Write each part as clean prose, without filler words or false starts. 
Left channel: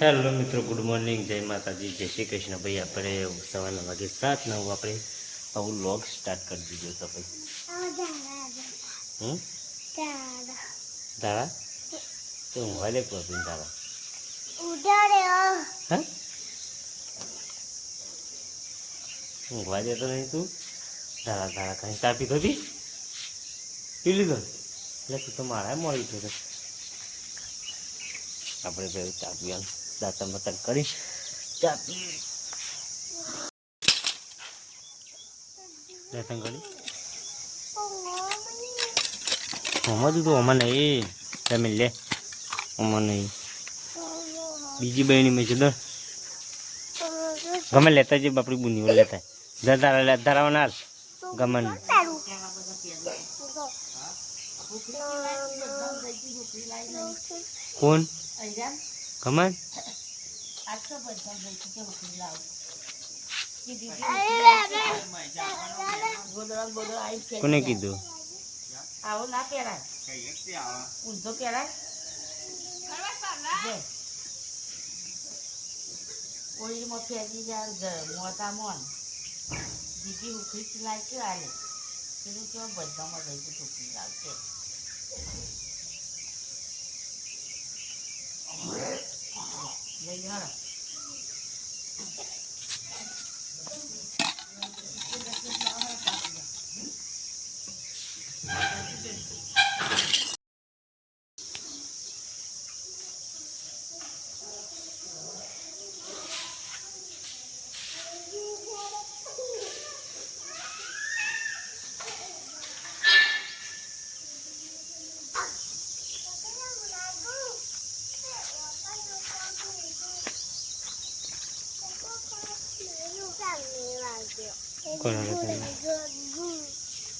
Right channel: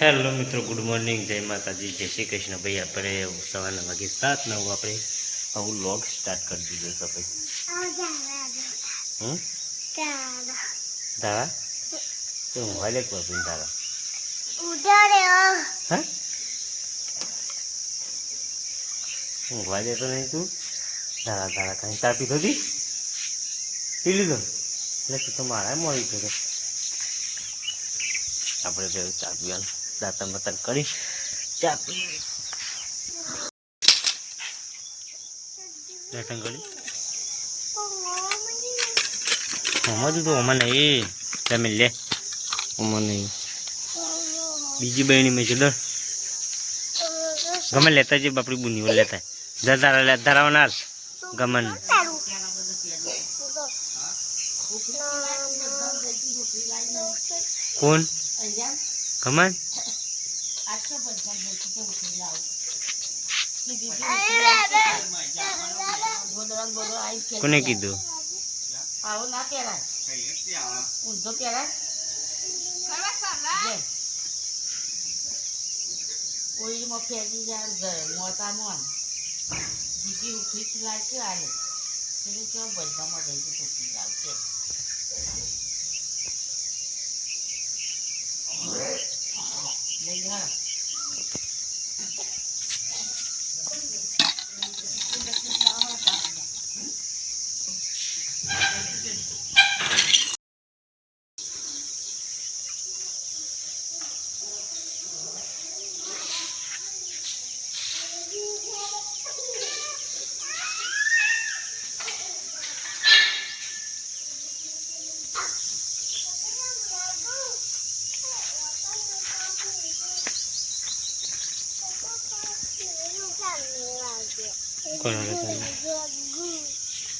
Hello મિત્રો, good morning, જય માતાજી, જય શ્રી કૃષ્ણ. ભાઈ આપણે સવારના વાગે 7-9 આપણે આવું વ્લોગ સ્ટાર્ટ કરી દીધો છે ભાઈ. દાડા તો હું વાલે કહું છું દાડા હા હું વાલે તો નહીં તું દાડા દાડા તમે ચા પીધો હતી પી લીધો એટલે તું તો મારા મળી ગયો. આપણે પેલું ચા પીવાનું દાંતણ બતન કરી ચા પી દાંતણ કરી આમાં તો આમાં નહીં તમે લે આમાં નહીં બીજી બહેની મેં છે દર ગમે લેતા જ બાપડી બુનીઓ લેતા ધરાવા ધરાવના ગમન કોણ ગમન કોને કીધું આવો ના પહેરાય ઊંધો પહેરાય ઓઈલમાં ફેંકી જાય મોતા મોન બીજી ઉખરી સિલાય છે આલે પેલું કેવા બધામાં જઈ તો ઉખરી લાવશે લઈ હા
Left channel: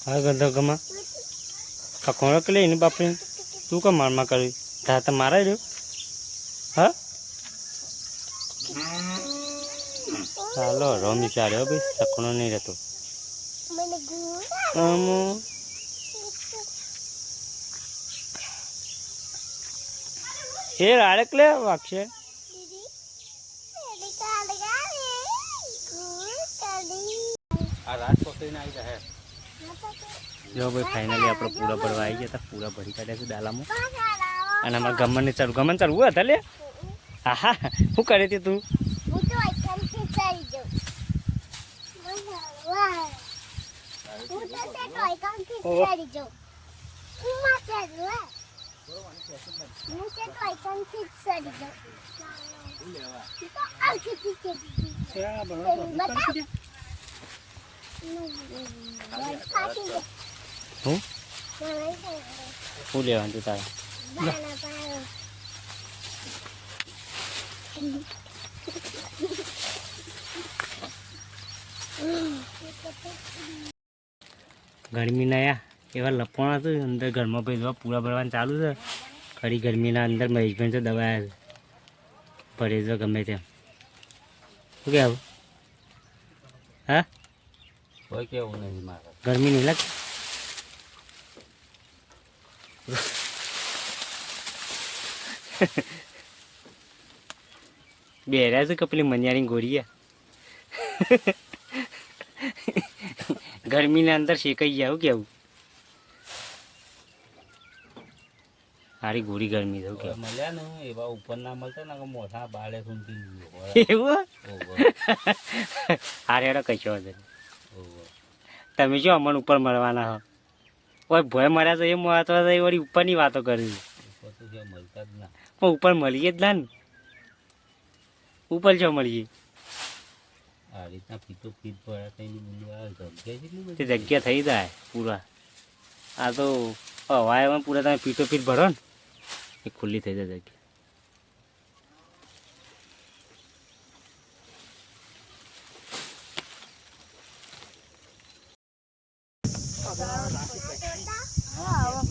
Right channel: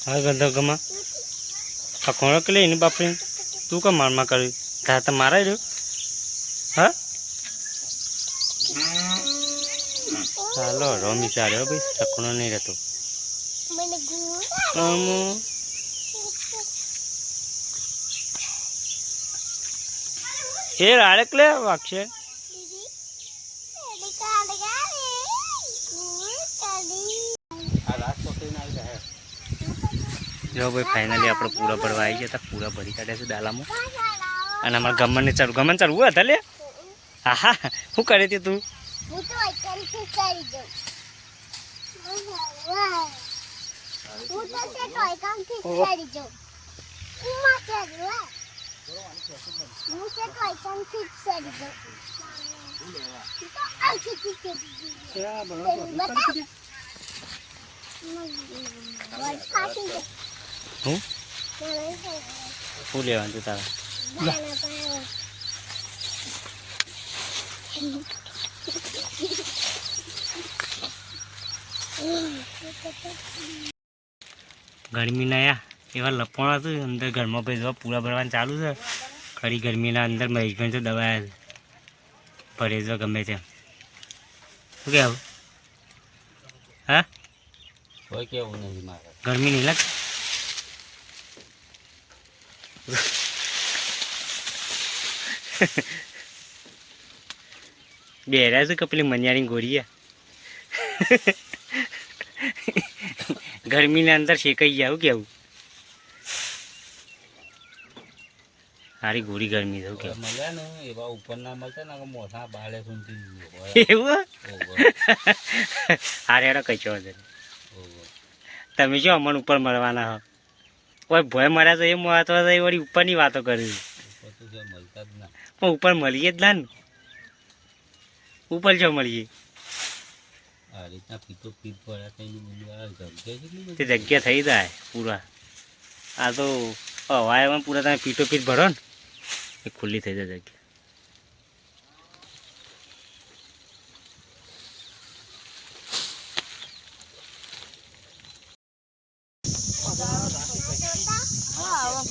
હા ગંધો ગમા આ ખોરાક લઈને બાપરી તું કા મારમાં કરી તા તો મારા રહ્યો હા ચાલો રમી ચાલ્યો ભાઈ સકણો નહીં રહેતો એ રાડક લે વાગશે જો ભાઈ ફાઇનલી આપણે પૂરા ભરવા આવી ગયા હતા. પૂરા ભરી કાઢ્યા છે દાલામાં અને અમારા ગમનને ચડવું ગમન ચડવું હતા લે હા હા શું કરે તે તું શું લેવાનું તું તારા ગરમીના એવા લપણ હતું અંદર ઘરમાં ભાઈ પૂરા ભરવાનું ચાલુ છે. ખરી ગરમીના અંદર મહેશભાઈ તો દબાયા છે ભરેજો ગમે તેમ શું કહેવું હા કોઈ કેવું નહીં મારે ગરમી નહીં લાગતી બેરા છે કપલી મનિયારી ગોરીયા ગરમીના અંદર શેકાઈ જાય કેવું સારી ગોરી ગરમી થયું કેવું મળ્યા ને એવા ઉપર ના મળતા ને મોટા બાળે સુધી એવું હારે હેડો કઈ છો તમે જો અમને ઉપર મળવાના હો કોઈ ભય મળ્યા તો એ મહત્વ એ વળી ઉપરની વાતો કરી મળતા જ ના પણ ઉપર મળીએ જ ના ને ઉપર જો મળીએ આ રીતના પીતો પીત પડ્યા તે જગ્યા થઈ જાય પૂરા આ તો હવામાં પૂરા તમે પીટો પીટ ભરો ને એ ખુલ્લી થઈ જાય જગ્યા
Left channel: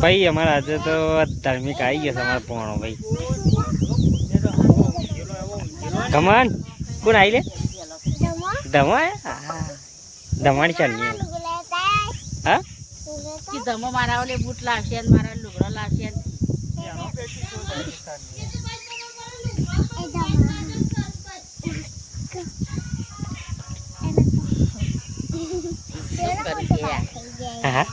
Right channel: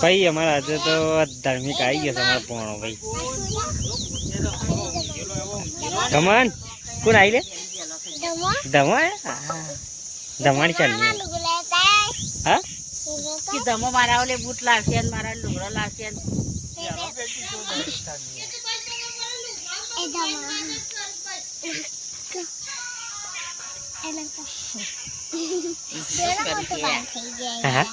ભાઈ અમારા આજે તો ધાર્મિક આવી ગયો છે અમારા પોણો ભાઈ કમાન કોણ આવી લે ધમા ધમાણી ચાલી હા ધમો મારા ઓલે બૂટ લાવશે મારા લુગડા લાવશે હા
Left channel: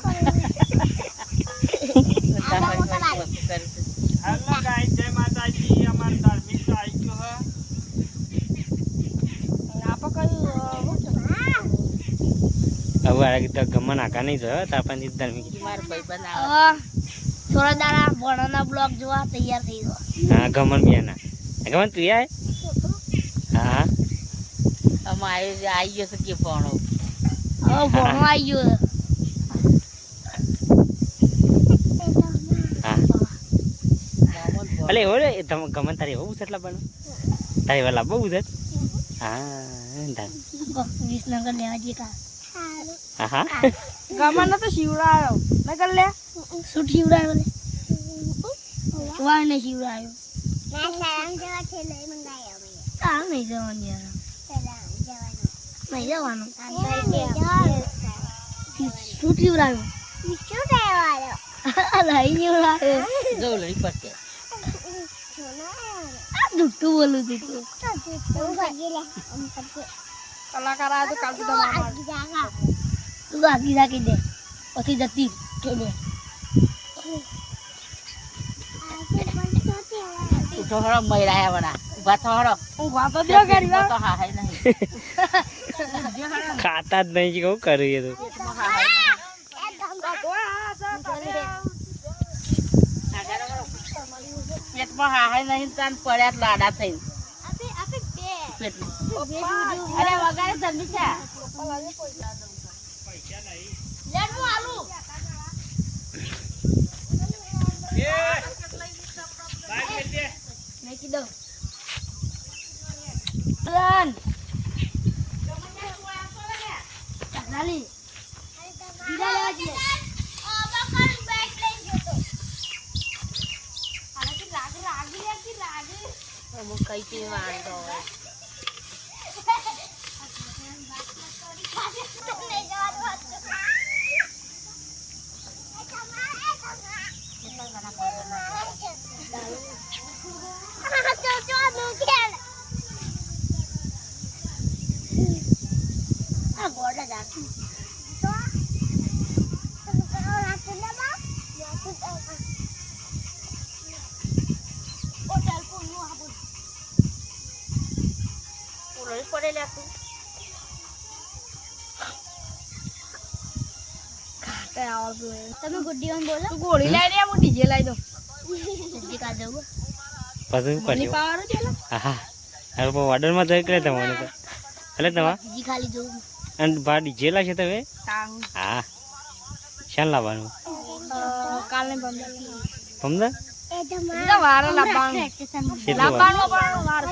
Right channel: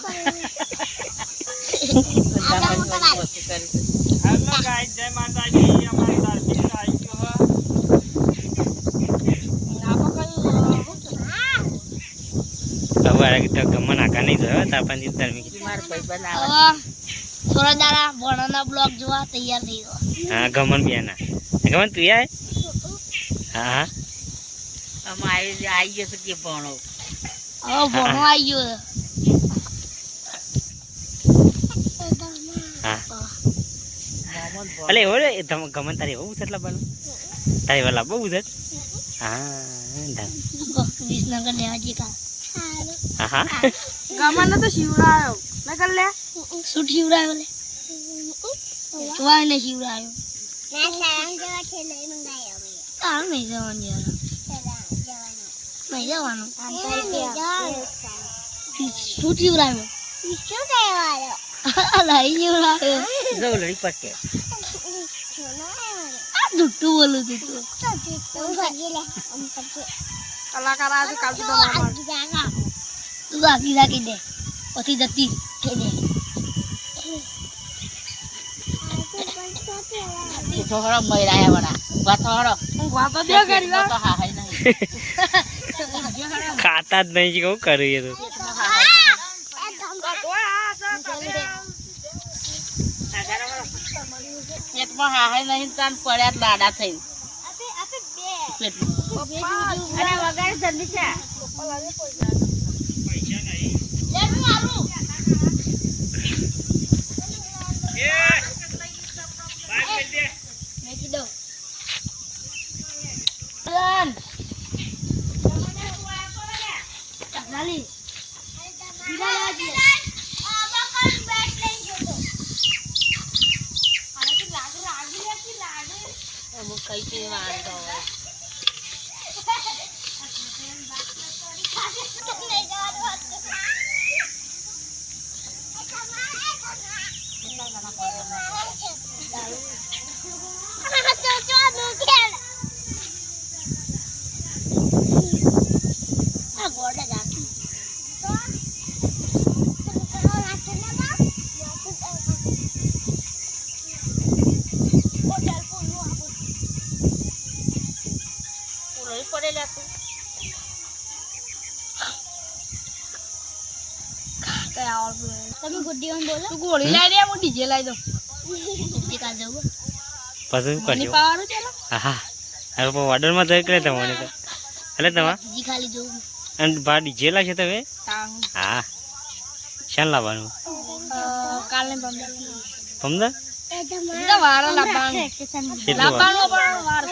હવે આ તો ગમન આખા નહીં થયો તારપાની ધાર્મિક થોડા દાડા ભણવાના બ્લોગ જોવા તૈયાર થઈ ગયો. હા ગમન બેના ગમન તું આય હા આવી ગયો છે કે ભણો હવે ભણવા આવી ગયો. હા અલે એવો રે ગમન તારે એવું છે એટલા બનો તારે એવા લાભ બહુ છે હા વિસનગર લેવા જઈએ કા. હા હા ગમન તો શિવરાયો ન કર લે શું શિવરાયો લે જોવા ને શિવરાયો કામ નહીં જવાનું યાર નહીં જવાનું શું શિવરાયો લઈ શિવરાયો જવલડી પટકે આ જુઠ્ઠું બોલું તું તું આખી રાખી દે પછી જતી કે દે તો હરો મયરાયા વડા ઉભા તો હરો ઊંઘવા તો દે કરી તો હા હાય નહીં ખાતા જ નહીં કેવું કર્યું એ તો પેટમાં હા હાય નહીં તાન પડ્યા જ લાડા થઈ પેટમાં અરે વગાડે જલ્દી છે મેકી દો ચાલી બીજા લેવા જઈએ અમુક કઈ થી વાંધો હોય પડેલા તું તમે ગુડ્ડી બોલો તું ગોળી લાવી દે હું ડીજે લાવી દઉં ડીજે કા જવું પછી મની કરજો પાવાનો ચાલો હા હવે ઓર્ડરમાં થઈ કરે તમને તો એટલે તમારે ડીજી ખાલી જવું અને બહાર ડીજે લાવશે તમે તાંગ હા શાન લાવવાનું કાલને બમ્બે પમદા એટલે વાર લાવવાનું કેટલી વાર લાવવાનું પણ વાર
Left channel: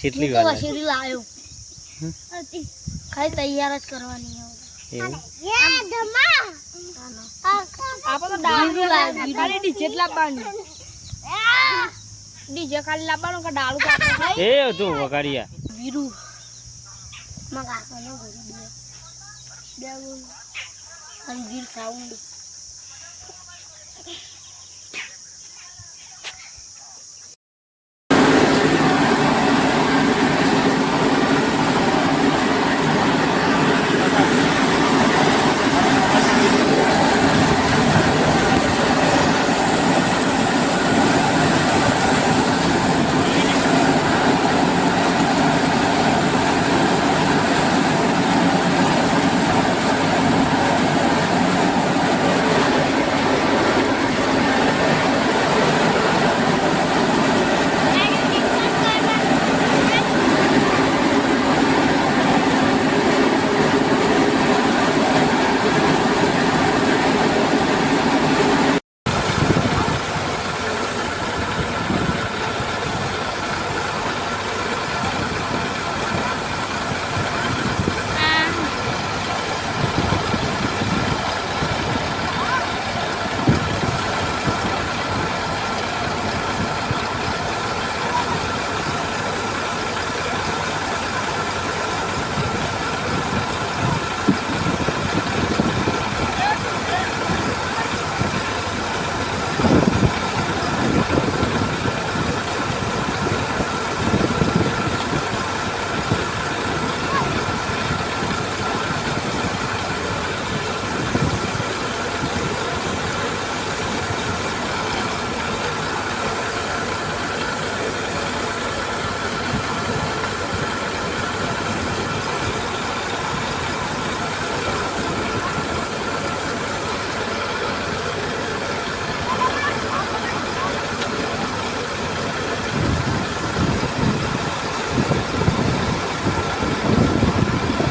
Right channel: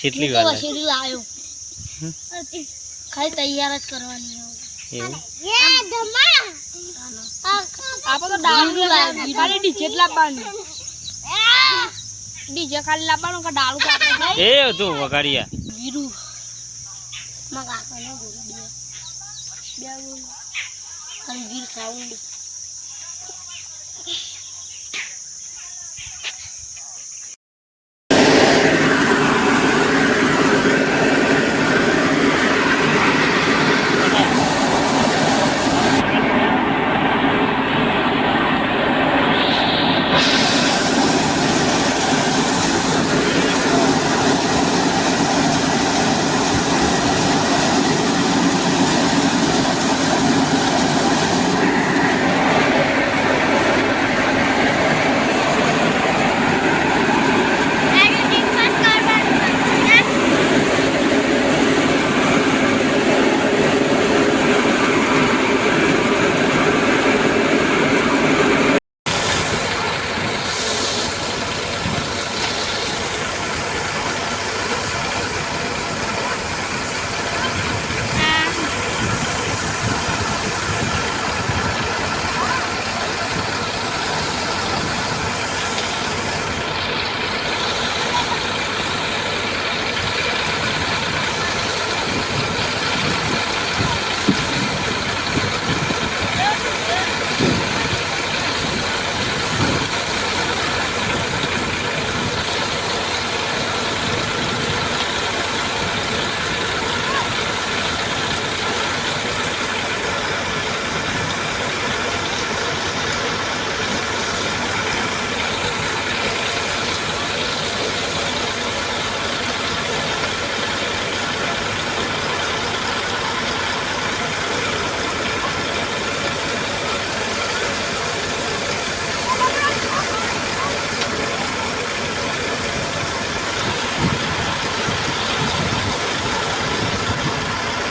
કેટલી વાર લાગે? વસીરી લાવ્યો ખાલી તૈયાર જ કરવાની એવું આપણે તો ડાળું લાવ્યું ખાલી ડીજે જ લાવવાનું ડીજે ખાલી લાવવાનું કે ડાળું કાપવાનું એ તું વગાડ્યા વીરુ માં કાકાનો ગોરી દે બે ગોરી અને વીર સાઉન્ડ